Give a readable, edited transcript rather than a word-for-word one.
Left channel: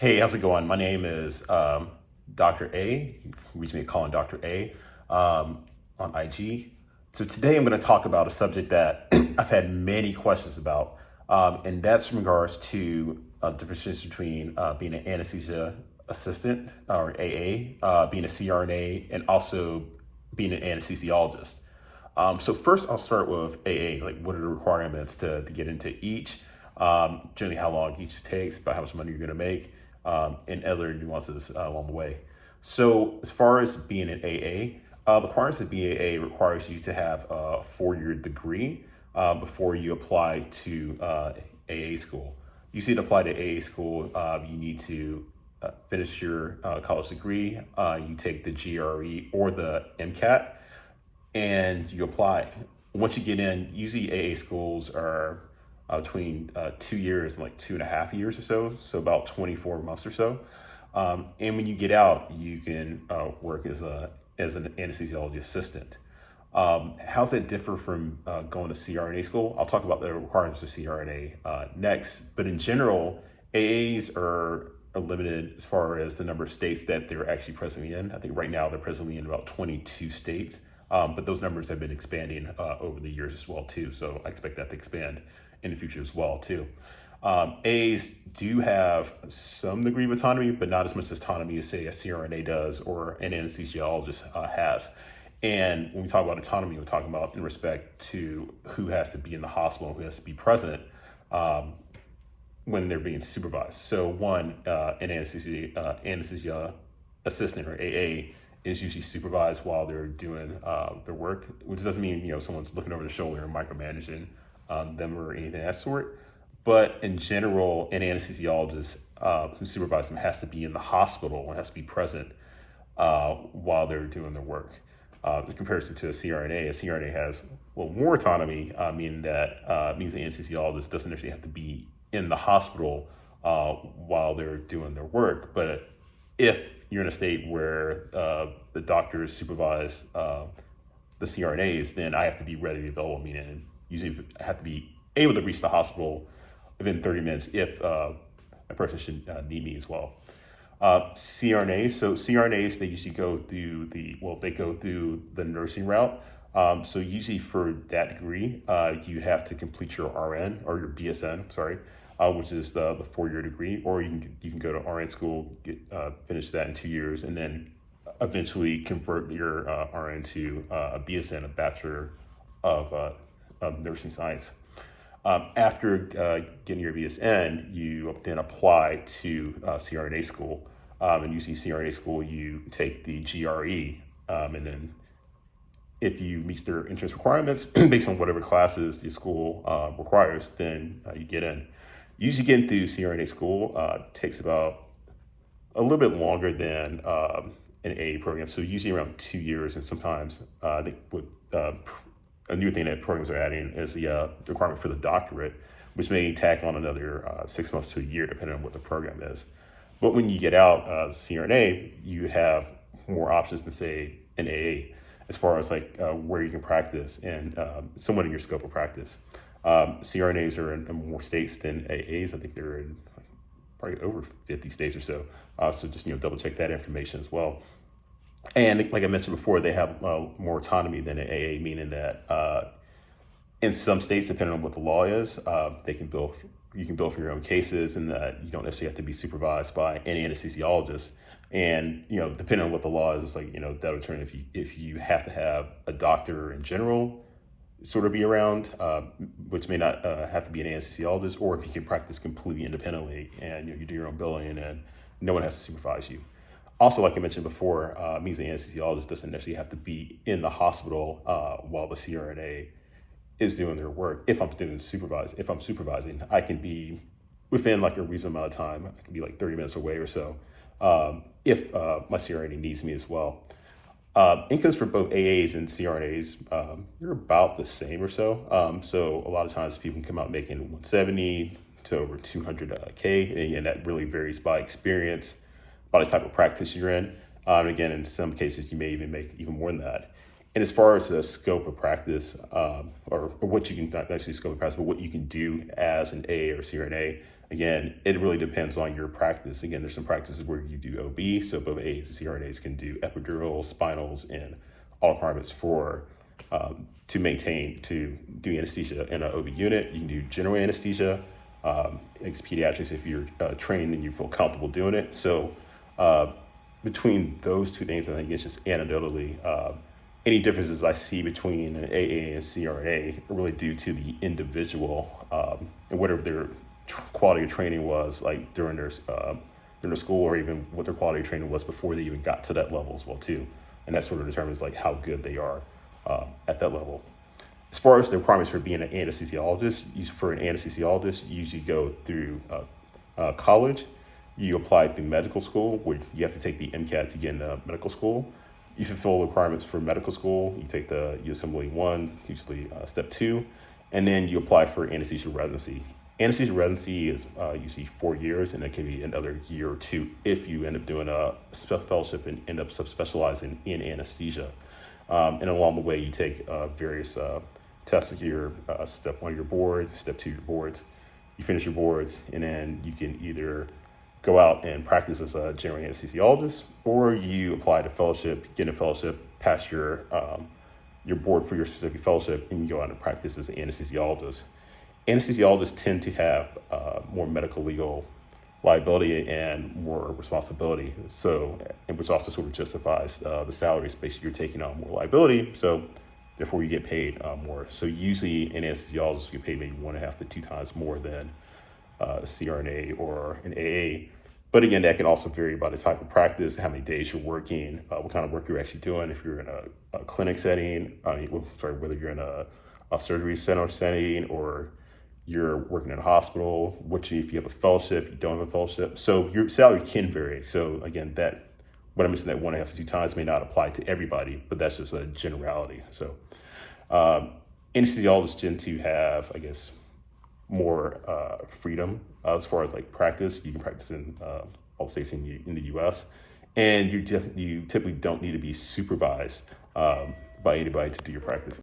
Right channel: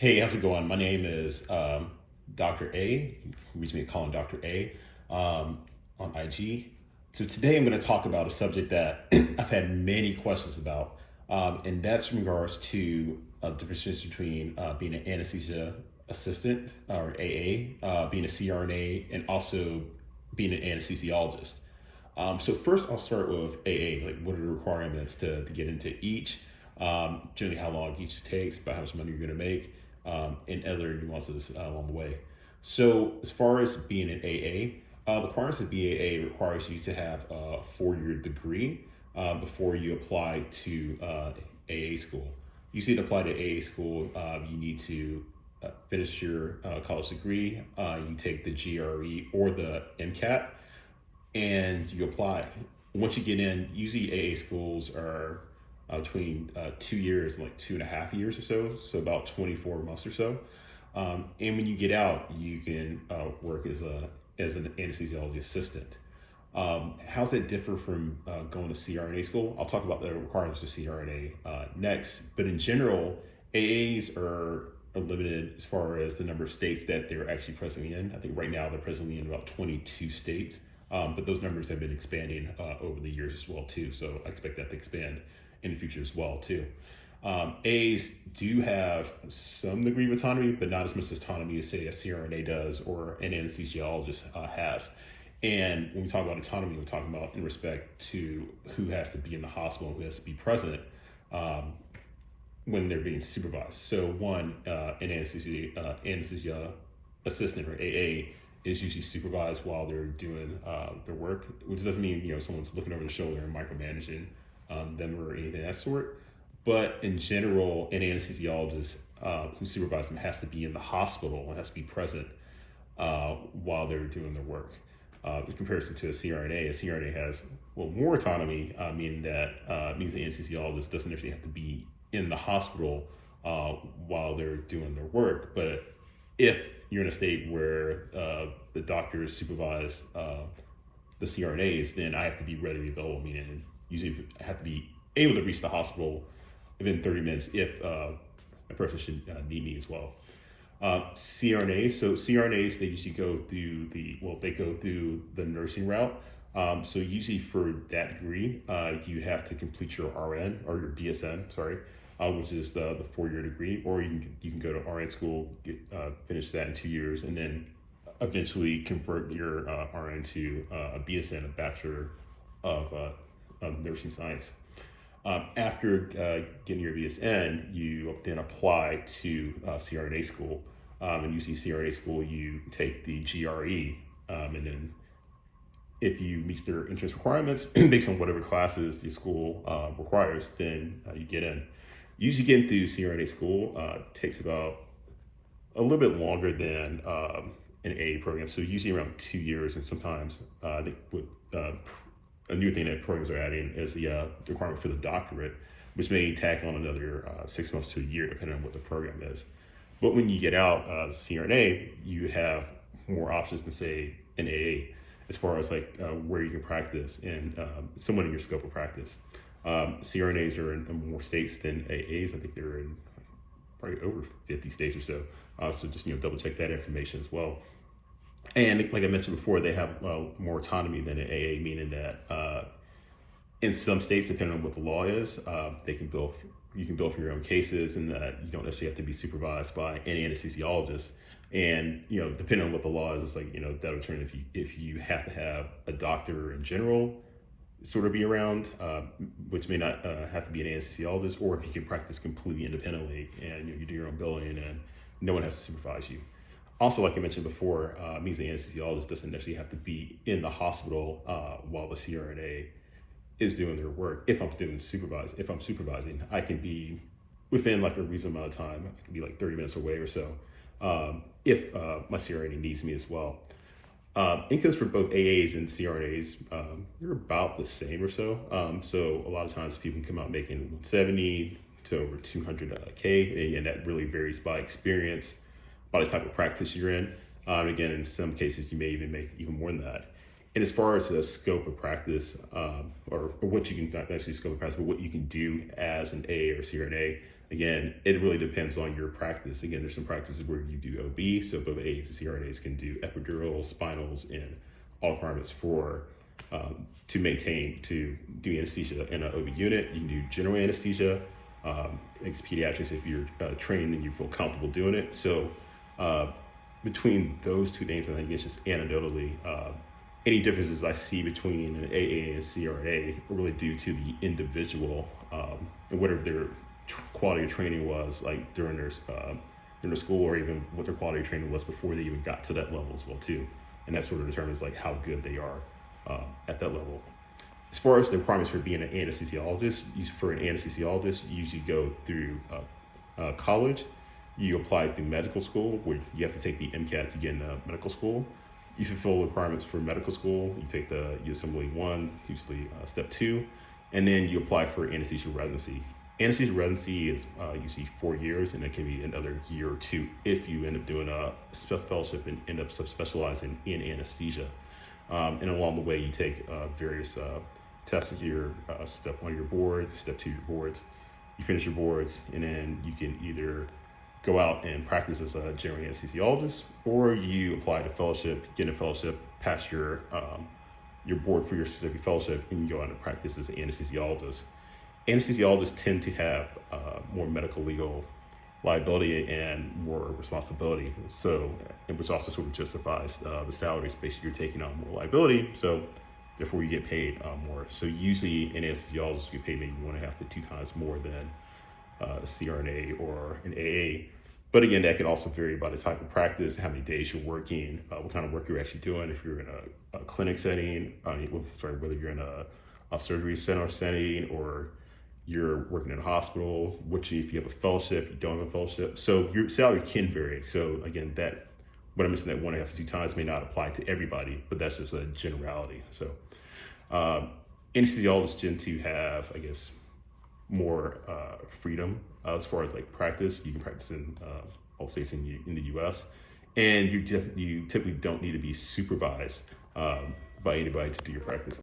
Hey, how's it going? My name is Dr. A. Reach me calling Dr. A on IG. So today I'm going to talk about a subject that I've had many questions about, and that's in regards to the difference between being an anesthesia assistant or AA, being a CRNA, and also being an anesthesiologist. So first I'll start with AA, like what are the requirements to get into each, generally how long each takes, about how much money you're going to make, and other nuances along the way. So as far as being an AA, the requirements to be AA requires you to have a 4-year degree before you apply to AA school. Usually to apply to AA school, you need to finish your college degree, you take the GRE or the MCAT, and you apply. Once you get in, usually AA schools are between 2 years and like 2.5 years or so about 24 months or so. And when you get out, you can work as an anesthesiology assistant. How's that differ from going to CRNA school? I'll talk about the requirements of CRNA next, but in general, AAs are limited as far as the number of states that they're actually presently in. I think right now they're presently in about 22 states, but those numbers have been expanding over the years as well too. So I expect that to expand in the future as well too. A's do have some degree of autonomy, but not as much autonomy as say a CRNA does or an anesthesiologist has. And when we talk about autonomy, we're talking about in respect to who has to be in the hospital, who has to be present when they're being supervised. So one, an anesthesia assistant or AA is usually supervised while they're doing their work, which doesn't mean someone's looking over their shoulder and micromanaging them or anything of that sort. But in general, an anesthesiologist who supervises them has to be in the hospital and has to be present while they're doing their work. In comparison to a CRNA has more autonomy, meaning that means the anesthesiologist doesn't necessarily have to be in the hospital while they're doing their work. But if you're in a state where the doctors supervise the CRNAs, then I have to be ready to go. Meaning usually I have to be able to reach the hospital within 30 minutes if a person should need me as well. CRNAs, so CRNAs, they usually go through the nursing route. So usually for that degree, you have to complete your RN or your BSN, which is the 4-year degree, or you can go to RN school, finish that in 2 years, and then eventually convert your RN to a BSN, a Bachelor of Nursing Science. After getting your BSN, you then apply to CRNA school. And usually CRNA school, you take the GRE, and then if you meet their entrance requirements based on whatever classes your school requires, then you get in. Usually getting through CRNA school takes about a little bit longer than an AA program. So usually around 2 years, and sometimes I think with a new thing that programs are adding is the requirement for the doctorate, which may tack on another 6 months to a year, depending on what the program is. But when you get out as CRNA, you have more options than say an AA, as far as like where you can practice and somewhat in your scope of practice. CRNAs are in more states than AAs. I think they're in probably over 50 states or so. So just double check that information as well. And like I mentioned before, they have more autonomy than an AA, meaning that in some states, depending on what the law is, you can bill for your own cases, and you don't necessarily have to be supervised by any anesthesiologist. And depending on what the law is, like that'll determine if you have to have a doctor in general sort of be around, which may not have to be an anesthesiologist, or if you can practice completely independently and you do your own billing and no one has to supervise you. Also, like I mentioned before, means the anesthesiologist doesn't necessarily have to be in the hospital while the CRNA is doing their work. If I'm supervising, I can be within like a reasonable amount of time. I can be like 30 minutes away or so if my CRNA needs me as well. Incomes for both AAs and CRNAs, they're about the same or so. So a lot of times people can come out making 170 to over 200K, and that really varies by experience, by the type of practice you're in. And again, in some cases, you may even make even more than that. And as far as the scope of practice, or what you can, not necessarily scope of practice, but what you can do as an AA or CRNA, Again, it really depends on your practice. Again, there's some practices where you do OB, so both A's and CRNAs can do epidurals, spinals, and all requirements for to do anesthesia in an OB unit. You can do general anesthesia, it's pediatrics if you're trained and you feel comfortable doing it. So between those two things, I think it's just anecdotally, any differences I see between an AA and CRNA are really due to the individual and whatever their quality of training was like during their school, or even what their quality of training was before they even got to that level as well too. And that sort of determines like how good they are at that level. As far as the requirements for being an anesthesiologist, for an anesthesiologist, you usually go through college. You apply through medical school, where you have to take the MCAT to get into medical school. You fulfill the requirements for medical school. You take the USMLE 1, usually step 2, and then you apply for anesthesia residency. Anesthesia residency is usually 4 years, and it can be another year or 2 if you end up doing a fellowship and end up subspecializing in anesthesia. And along the way, you take various tests at your step 1 of your board, step 2 of your boards. You finish your boards, and then you can either go out and practice as a general anesthesiologist, or you apply to fellowship, get a fellowship, pass your board for your specific fellowship, and you go out and practice as an anesthesiologist. Anesthesiologists tend to have more medical legal liability and more responsibility, so, and which also sort of justifies the salary space you're taking on more liability, so therefore you get paid more. So usually an anesthesiologist get paid maybe 1.5 to 2 times more than a CRNA or an AA. But again, that can also vary by the type of practice, how many days you're working, what kind of work you're actually doing. If you're in a clinic setting, whether you're in a surgery center setting or you're working in a hospital, if you have a fellowship, you don't have a fellowship. So your salary can vary. So again, what I mentioned, that 1.5 to 2 times may not apply to everybody, but that's just a generality. So anesthesiologists tend to have, I guess, more freedom as far as like practice. You can practice in all states in the U.S. and you typically don't need to be supervised by anybody to do your practice.